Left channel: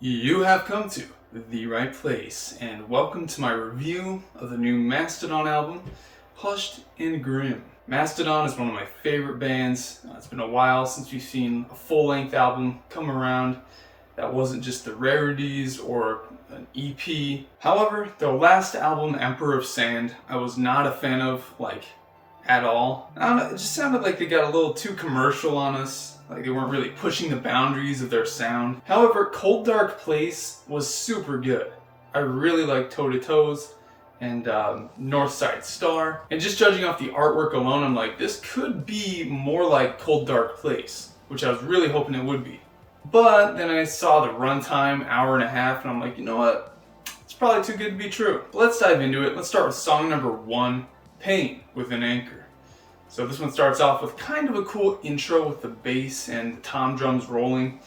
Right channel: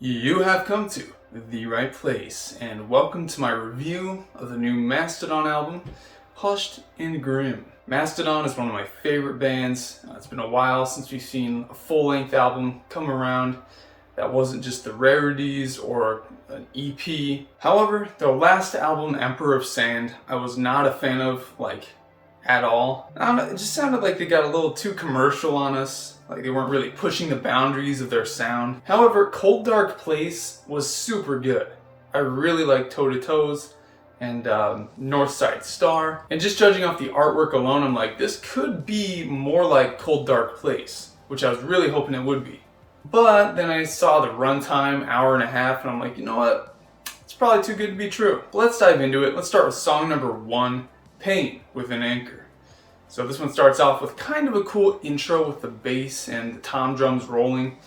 You have come to the right place, and welcome to my review of the new Mastodon album, Hushed and Grim. Mastodon is one of my favorite bands. It's been a while since we've seen a full-length album come around that wasn't just the rarities or an EP. However, their last album, Emperor of Sand, I was not a fan of, at all. I don't know, it just sounded like they got a little too commercial on us. Like they weren't really pushing the boundaries of their sound. However, Cold Dark Place was super good. I really liked Toe to Toes and North Side Star. And just judging off the artwork alone, I'm like, this could be more like Cold Dark Place, which I was really hoping it would be. But then I saw the runtime, hour and a half, and I'm like, you know what? It's probably too good to be true. But let's dive into it. Let's start with song number 1, Pain with an Anchor. So this one starts off with kind of a cool intro with the bass and the tom drums rolling.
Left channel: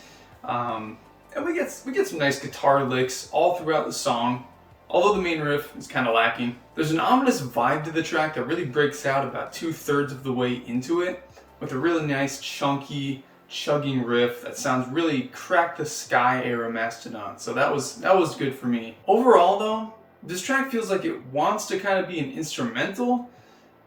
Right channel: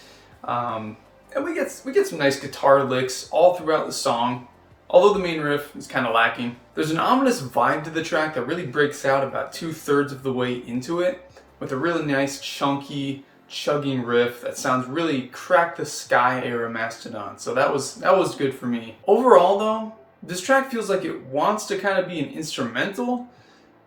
And we get some nice guitar licks all throughout the song, although the main riff is kind of lacking. There's an ominous vibe to the track that really breaks out about 2/3 of the way into it, with a really nice chunky chugging riff that sounds really Crack the Sky era Mastodon. So that was good for me. Overall though, this track feels like it wants to kind of be an instrumental,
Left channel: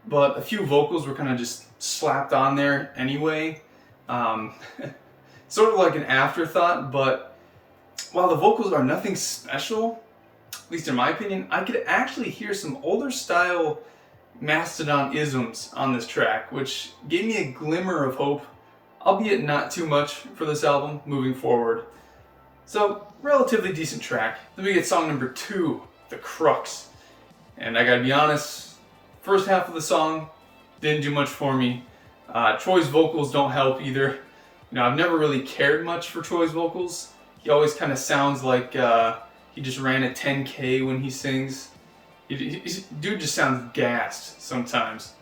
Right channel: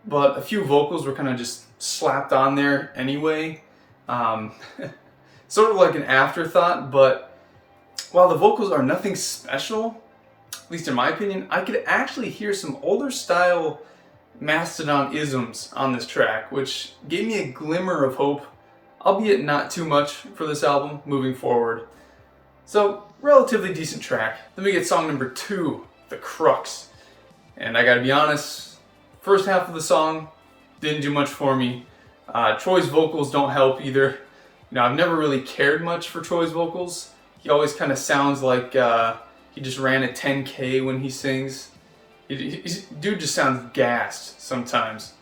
but a few vocals were kind of just slapped on there anyway. Sort of like an afterthought, but while the vocals are nothing special, at least in my opinion, I could actually hear some older style Mastodon isms on this track, which gave me a glimmer of hope, albeit not too much for this album moving forward. So, relatively decent track. Then we get song number 2, The Crux. And I gotta be honest, first half of the song didn't do much for me. Troy's vocals don't help either. Now, I've never really cared much for Troy's vocals. He always kind of sounds like he just ran a 10K when he sings. Dude just sounds gassed sometimes.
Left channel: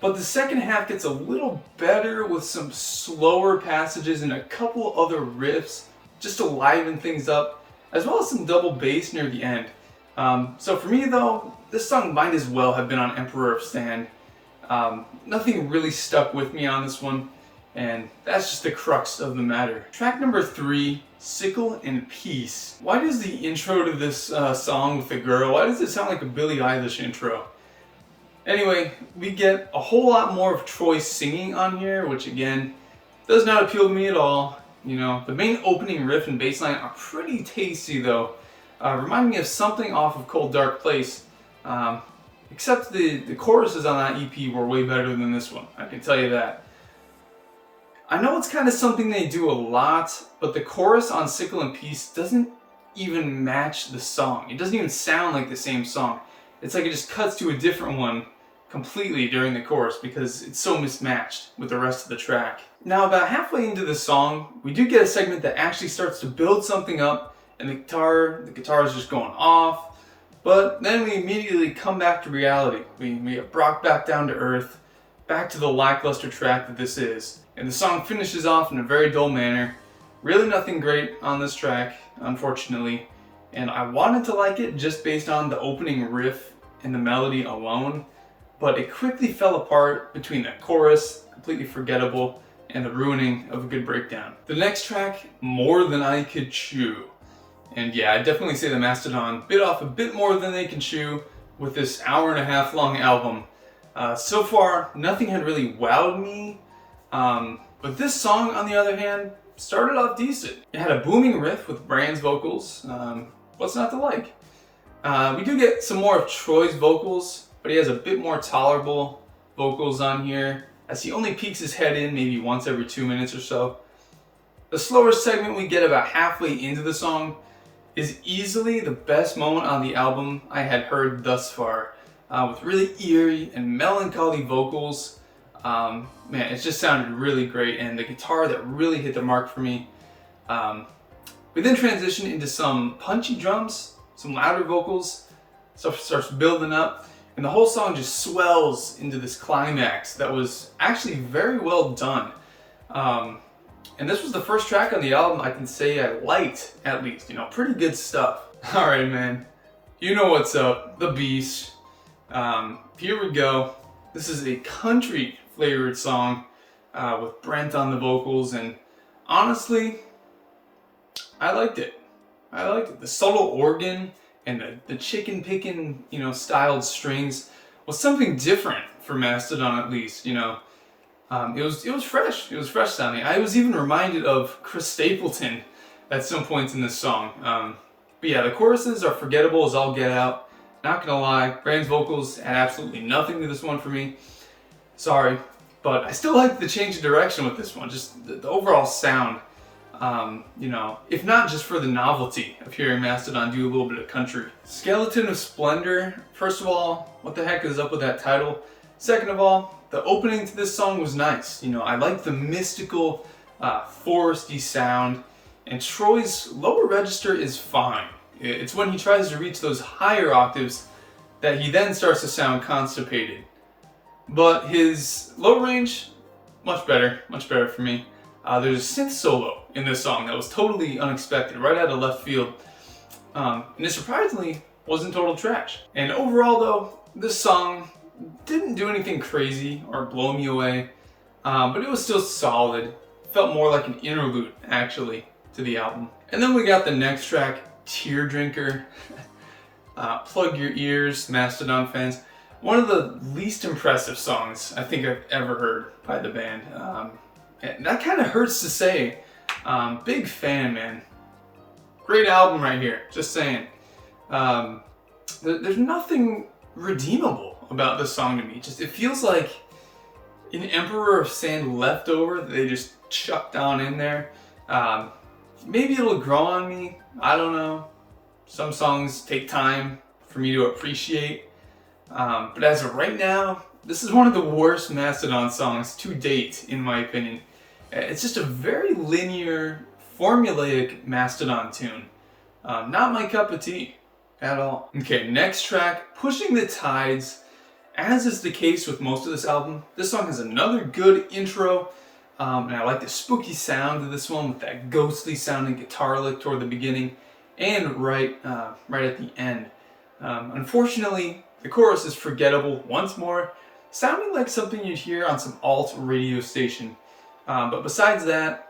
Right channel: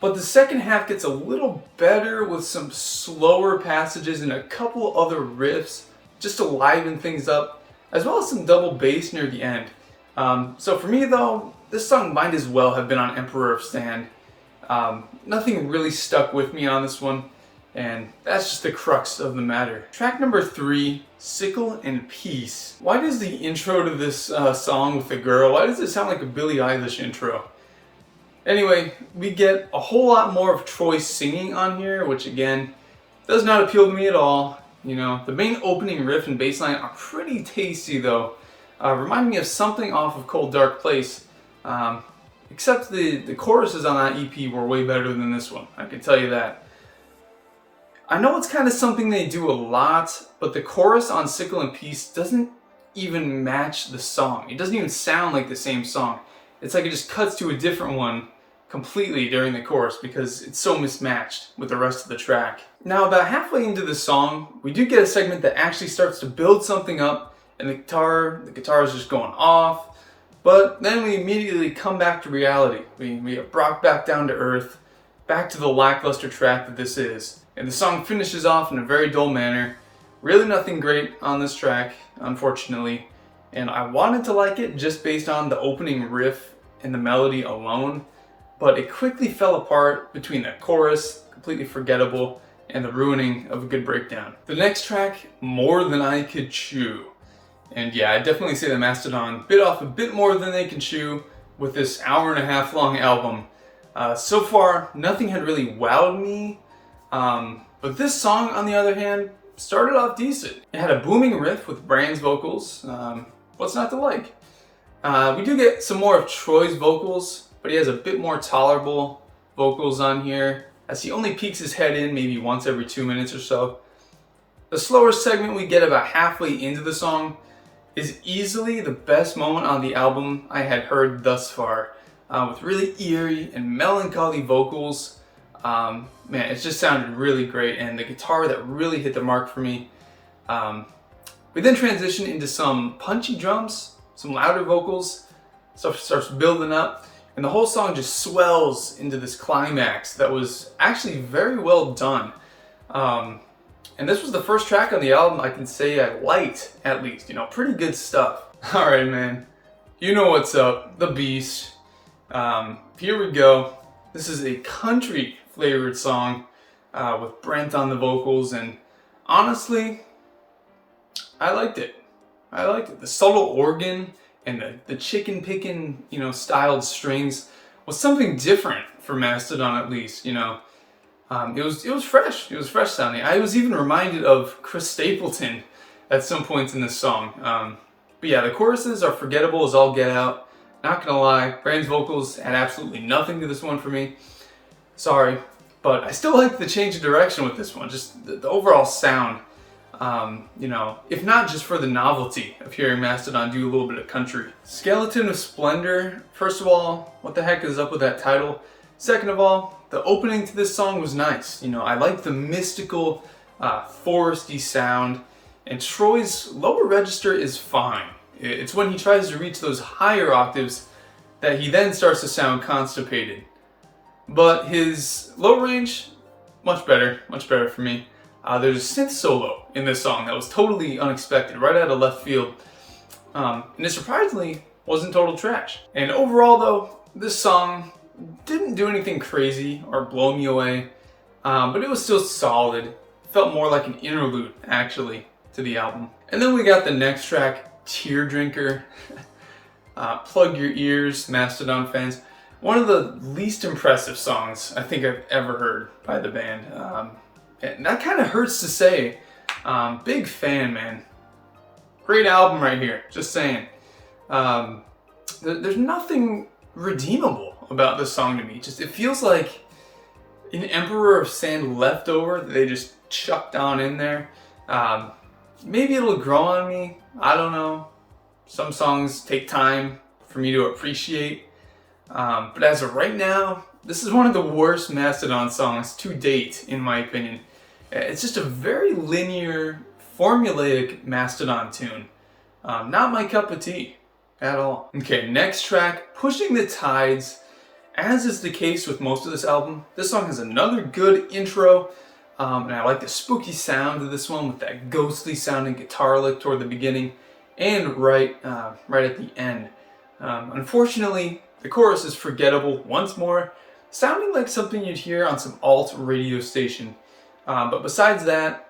But the second half gets a little better with some slower passages and a couple other riffs just to liven things up, as well as some double bass near the end. So for me though, this song might as well have been on Emperor of Sand. Nothing really stuck with me on this one, and that's just the crux of the matter. Track number 3, Sickle and Peace. Why does the intro to this song with the girl, why does it sound like a Billie Eilish intro? Anyway, we get a whole lot more of Troy singing on here, which again, does not appeal to me at all. You know, the main opening riff and bass line are pretty tasty though. Remind me of something off of Cold Dark Place, except the choruses on that EP were way better than this one, I can tell you that. I know it's kind of something they do a lot, but the chorus on Sickle and Peace doesn't even match the song. It doesn't even sound like the same song. It's like it just cuts to a different one completely during the chorus because it's so mismatched with the rest of the track. Now, about halfway into the song, we do get a segment that actually starts to build something up, and the guitar is just going off, but then we immediately come back to reality. We get brought back down to earth, back to the lackluster track that this is. And the song finishes off in a very dull manner. Really nothing great on this track, unfortunately. And I wanted to like it just based on the opening riff and the melody alone, but it quickly fell apart between that chorus, completely forgettable, and the ruining of a good breakdown. The next track, More Than I Could Chew. And yeah, I definitely say the Mastodon bit off a bit more than they can chew with this hour-and-a-half long album. So far, nothing had really wowed me, but this song, on the other hand, started off decent. It had a booming riff with Brand's vocals. What's not to like? We do get some more of Troy's vocals, but he has a bit more tolerable vocals on here, as he only peeks his head in maybe once every 2 minutes or so. The slower segment we get about halfway into the song is easily the best moment on the album I had heard thus far, with really eerie and melancholy vocals. Man, it just sounded really great, and the guitar that really hit the mark for me. We then transition into some punchy drums, some louder vocals, stuff starts building up, and the whole song just swells into this climax that was actually very well done. And this was the first track on the album I can say I liked, at least. You know, pretty good stuff. Alright, man. You know what's up. The Beast. Here we go. This is a country flavored song with Brent on the vocals, and honestly, I liked it. I liked it. The subtle organ and the chicken picking, styled strings was something different for Mastodon, at least. It was fresh. It was fresh sounding. I was even reminded of Chris Stapleton at some points in this song. But yeah, the choruses are forgettable as all get out. Not gonna lie, Brand's vocals had absolutely nothing to this one for me. Sorry, but I still like the change of direction with this one. Just the overall sound. If not just for the novelty of hearing Mastodon do a little bit of country. Skeleton of Splendor, first of all, what the heck is up with that title? Second of all, the opening to this song was nice. I like the mystical, foresty sound, and Troy's lower register is fine. It's when he tries to reach those higher octaves that he then starts to sound constipated. But his low range, much better for me. There's a synth solo in this song that was totally unexpected, right out of left field. And it surprisingly wasn't total trash. And overall though, this song didn't do anything crazy or blow me away, but it was still solid. It felt more like an interlude, actually, to the album. And then we got the next track, Tear Drinker. Plug your ears, Mastodon fans. One of the least impressive songs I think I've ever heard by the band. And that kind of hurts to say. Big fan, man. Great album right here, just saying. There's nothing redeemable about this song to me. It feels like an Emperor of Sand leftover that they just chucked on in there. Maybe it'll grow on me, I don't know. Some songs take time for me to appreciate. But as of right now, this is one of the worst Mastodon songs to date, in my opinion. It's just a very linear, formulaic Mastodon tune. Not my cup of tea at all. Okay, next track, Pushing the Tides. As is the case with most of this album, this song has another good intro. And I like the spooky sound of this one with that ghostly sounding guitar lick toward the beginning and right at the end. Unfortunately, the chorus is forgettable once more, sounding like something you'd hear on some alt radio station. But besides that,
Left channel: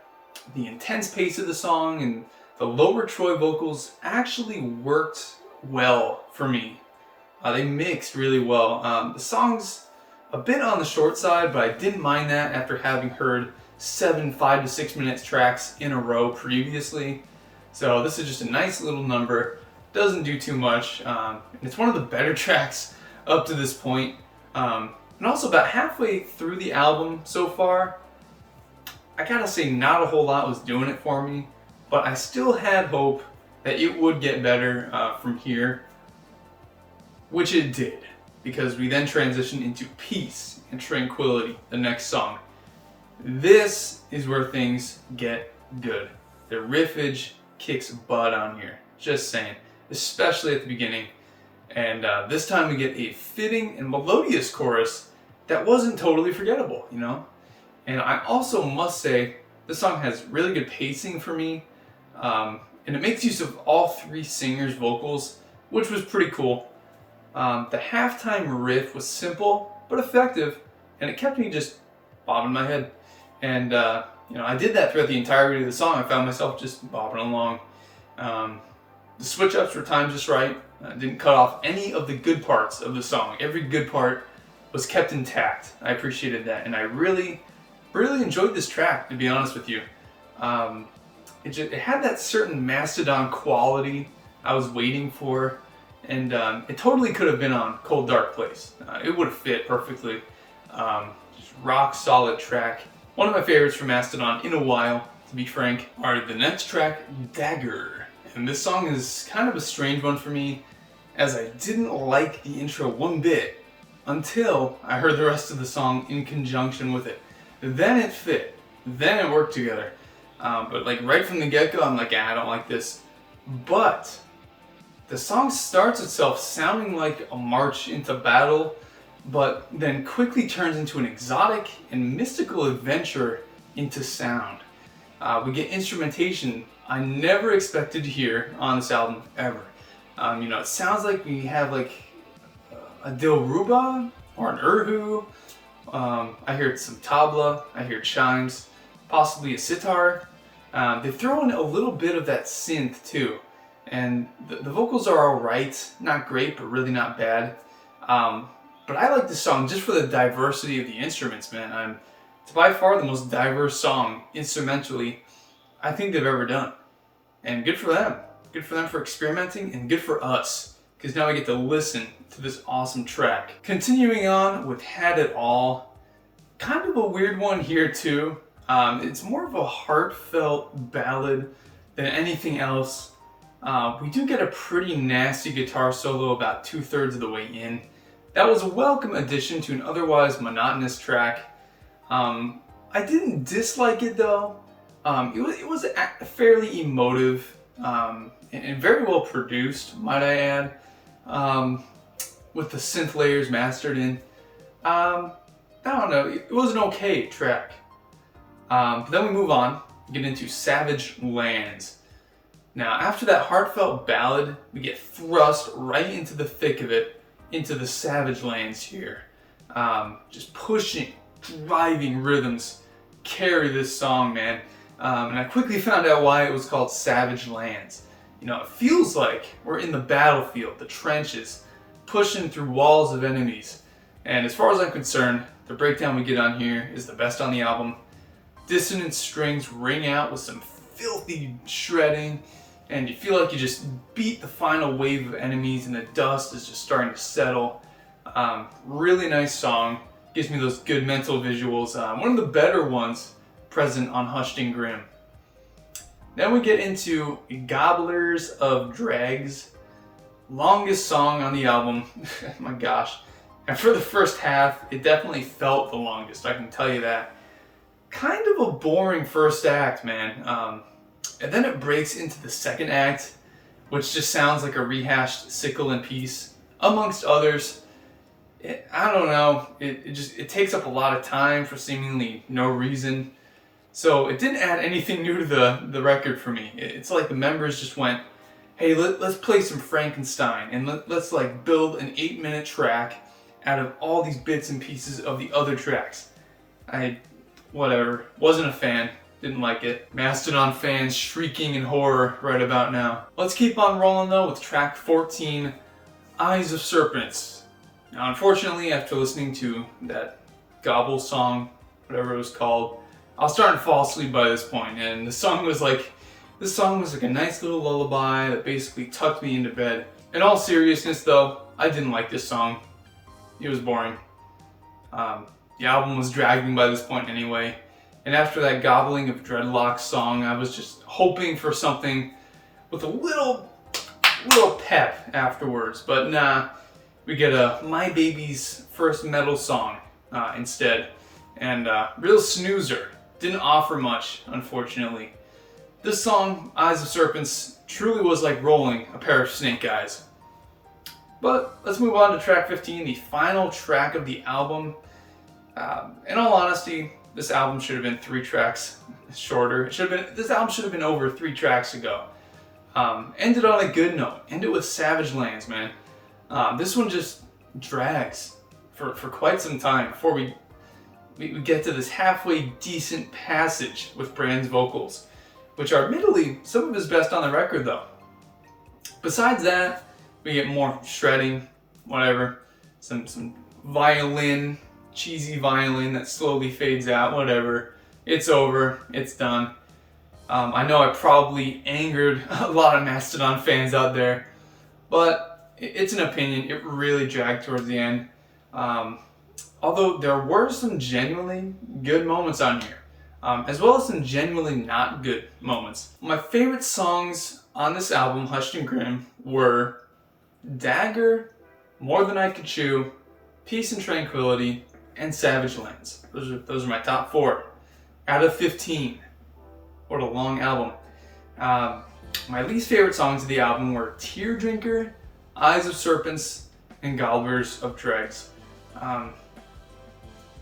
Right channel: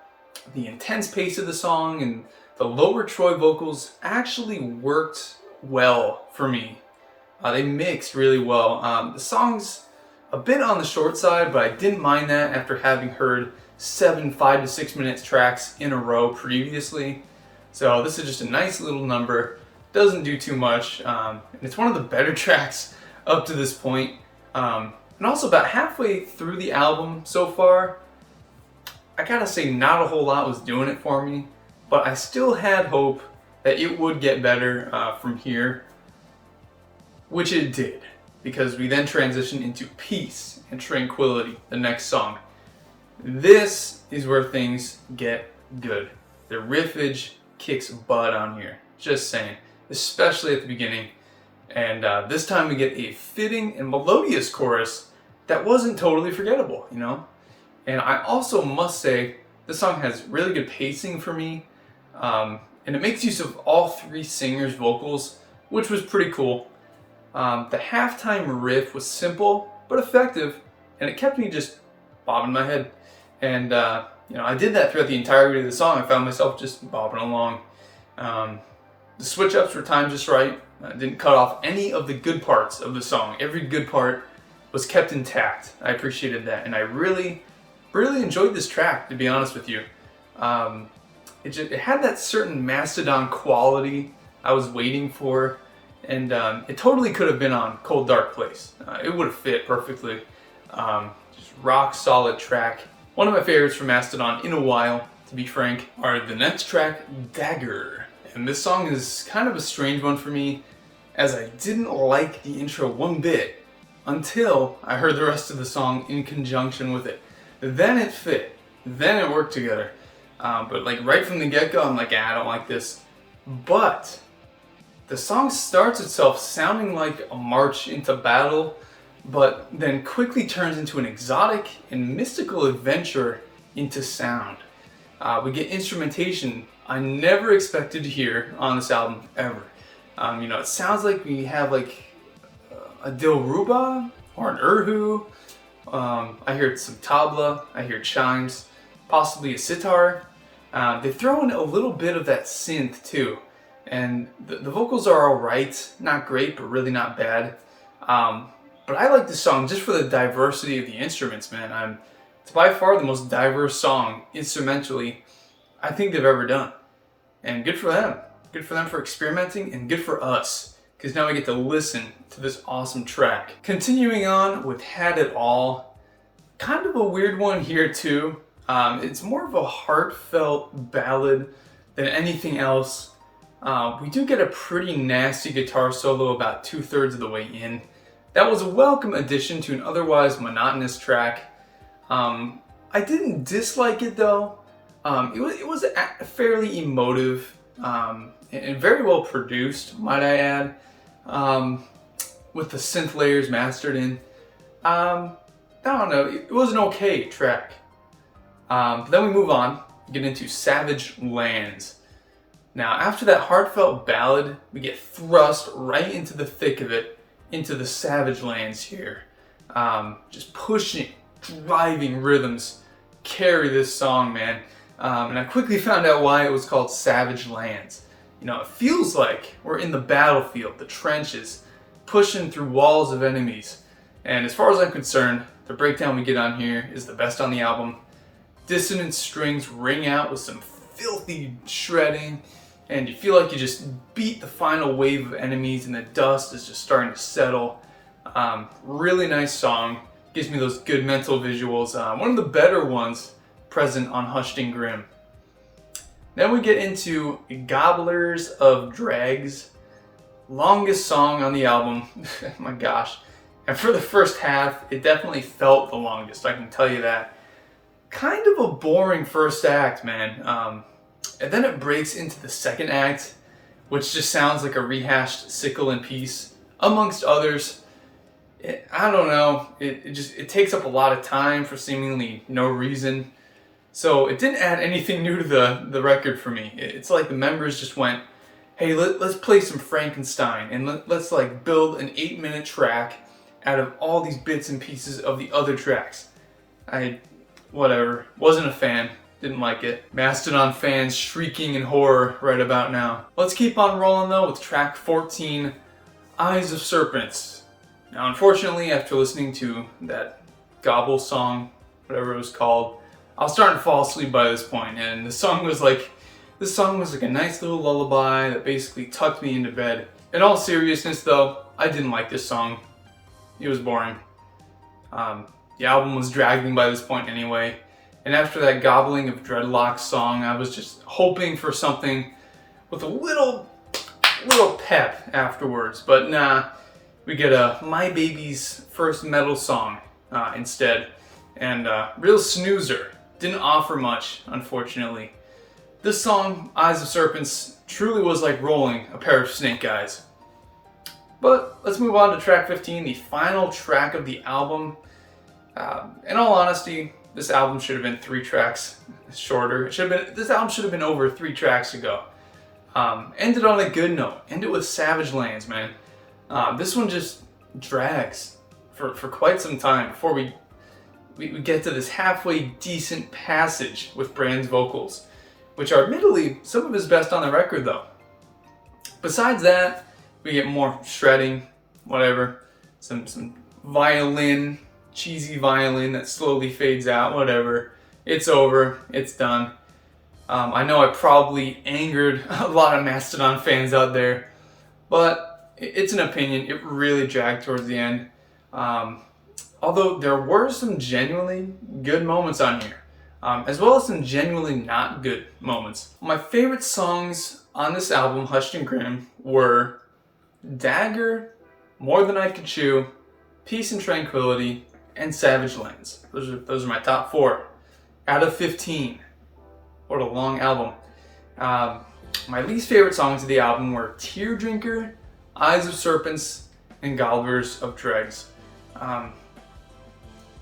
the intense pace of the song and the lower Troy vocals actually worked well for me. They mixed really well. The song's a bit on the short side, but I didn't mind that after having heard 7 5 to 6 minutes tracks in a row previously. So this is just a nice little number. Doesn't do too much. And it's one of the better tracks up to this point. And also about halfway through the album so far, I gotta say not a whole lot was doing it for me, but I still had hope that it would get better from here, which it did, because we then transitioned into Peace and Tranquility, the next song. This is where things get good. The riffage kicks butt on here, just saying, especially at the beginning. And this time we get a fitting and melodious chorus that wasn't totally forgettable, And I also must say, this song has really good pacing for me, and it makes use of all three singers' vocals, which was pretty cool. The halftime riff was simple but effective, and it kept me just bobbing my head. And I did that throughout the entirety of the song. I found myself just bobbing along. The switch ups were timed just right. I didn't cut off any of the good parts of the song. Every good part was kept intact. I appreciated that, and I really enjoyed this track, to be honest with you. It had that certain Mastodon quality I was waiting for, and it totally could have been on Cold Dark Place. It would have fit perfectly. Just rock solid track. One of my favorites from Mastodon in a while, to be frank. Alright, the next track, Dagger. And this song is kind of a strange one for me, as I didn't like the intro one bit until I heard the rest of the song in conjunction with it. Then it fit. Then it worked together. But right from the get-go, I'm like, I don't like this. But the song starts itself sounding like a march into battle, but then quickly turns into an exotic and mystical adventure into sound. We get instrumentation I never expected to hear on this album, ever. It sounds like we have a Dilruba or an Urhu. I heard some tabla, I hear chimes, possibly a sitar. They throw in a little bit of that synth too, and the vocals are alright, not great, but really not bad. But I like this song just for the diversity of the instruments, man. It's by far the most diverse song instrumentally I think they've ever done, and good for them. Good for them for experimenting, and good for us, because now we get to listen to this awesome track. Continuing on with Had It All, kind of a weird one here too. It's more of a heartfelt ballad than anything else. We do get a pretty nasty guitar solo about 2/3 of the way in. That was a welcome addition to an otherwise monotonous track. I didn't dislike it though. It was fairly emotive and very well produced, might I add, with the synth layers mastered in. I don't know, it was an okay track. But then we move on, get into Savage Lands. Now, after that heartfelt ballad, we get thrust right into the thick of it, into the Savage Lands here. Just pushing, driving rhythms carry this song, man. And I quickly found out why it was called Savage Lands. You know, it feels like we're in the battlefield, the trenches, pushing through walls of enemies. And as far as I'm concerned, the breakdown we get on here is the best on the album. Dissonant strings ring out with some filthy shredding, and you feel like you just beat the final wave of enemies and the dust is just starting to settle. Really nice song. Gives me those good mental visuals. One of the better ones present on Hushed and Grim. Then we get into Gobblers of Dregs. Longest song on the album. My gosh. And for the first half, it definitely felt the longest, I can tell you that. Kind of a boring first act, man. And then it breaks into the second act, which just sounds like a rehashed Sickle and Peace, amongst others. I don't know, it takes up a lot of time for seemingly no reason. So it didn't add anything new to the record for me. It's like the members just went, hey, let's play some Frankenstein, and let's like build an 8-minute track out of all these bits and pieces of the other tracks. Whatever, wasn't a fan, didn't like it. Mastodon fans shrieking in horror right about now. Let's keep on rolling though with track 14, Eyes of Serpents. Now unfortunately, after listening to that Gobble song, whatever it was called, I was starting to fall asleep by this point, and this song was like a nice little lullaby that basically tucked me into bed. In all seriousness though, I didn't like this song. It was boring. The album was dragging by this point anyway, and after that Gobbling of Dreadlocks song, I was just hoping for something with a little pep afterwards, but nah, we get a My Baby's First Metal song instead, and real snoozer. Didn't offer much, unfortunately. This song, Eyes of Serpents, truly was like rolling a pair of snake eyes. But let's move on to track 15, the final track of the album. In all honesty, this album should have been 3 tracks shorter. This album should have been over 3 tracks ago. Ended on a good note. Ended with Savage Lands, man. This one just drags for quite some time before we get to this halfway decent passage with Brand's vocals, which are admittedly some of his best on the record though. Besides that, we get more shredding, whatever, some violin, cheesy violin that slowly fades out, whatever. It's over, it's done. I know I probably angered a lot of Mastodon fans out there, but it's an opinion. It really dragged towards the end. Although there were some genuinely good moments on here, as well as some genuinely not good moments. My favorite songs on this album, Hushed and Grim, were Dagger, More Than I Could Chew, Peace and Tranquility, and Savage Lands. Those are my top 4 out of 15. What a long album. My least favorite songs of the album were Tear Drinker, Eyes of Serpents, and Gobblers of Dregs.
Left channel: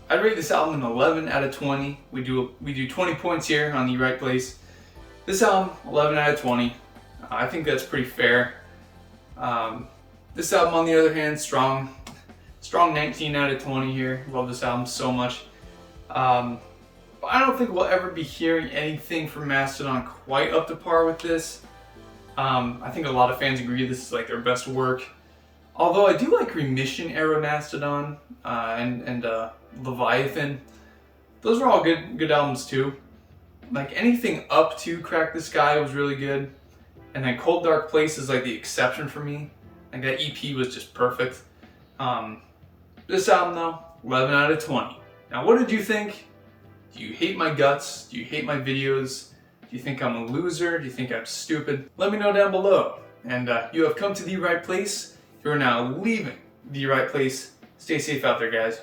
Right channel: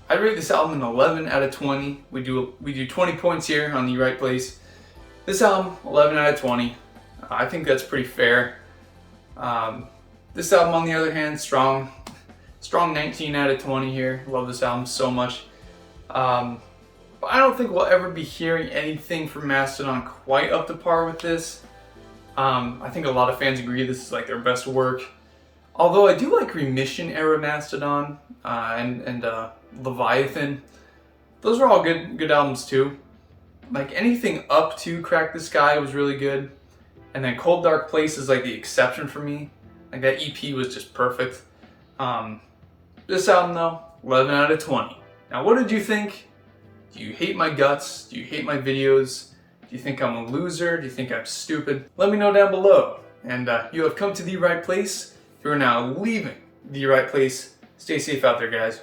I'd rate this album an 11 out of 20. We do 20 points here on the right place. This album, 11 out of 20. I think that's pretty fair. This album, on the other hand, strong 19 out of 20 here. Love this album so much. But I don't think we'll ever be hearing anything from Mastodon quite up to par with this. I think a lot of fans agree this is like their best work. Although I do like Remission era Mastodon and Leviathan. Those are all good albums too. Like anything up to Crack the Sky was really good. And then Cold Dark Place is like the exception for me. Like that EP was just perfect. This album though, 11 out of 20. Now what did you think? Do you hate my guts? Do you hate my videos? Do you think I'm a loser? Do you think I'm stupid? Let me know down below. And you have come to the right place. You are now leaving the right place. Stay safe out there, guys.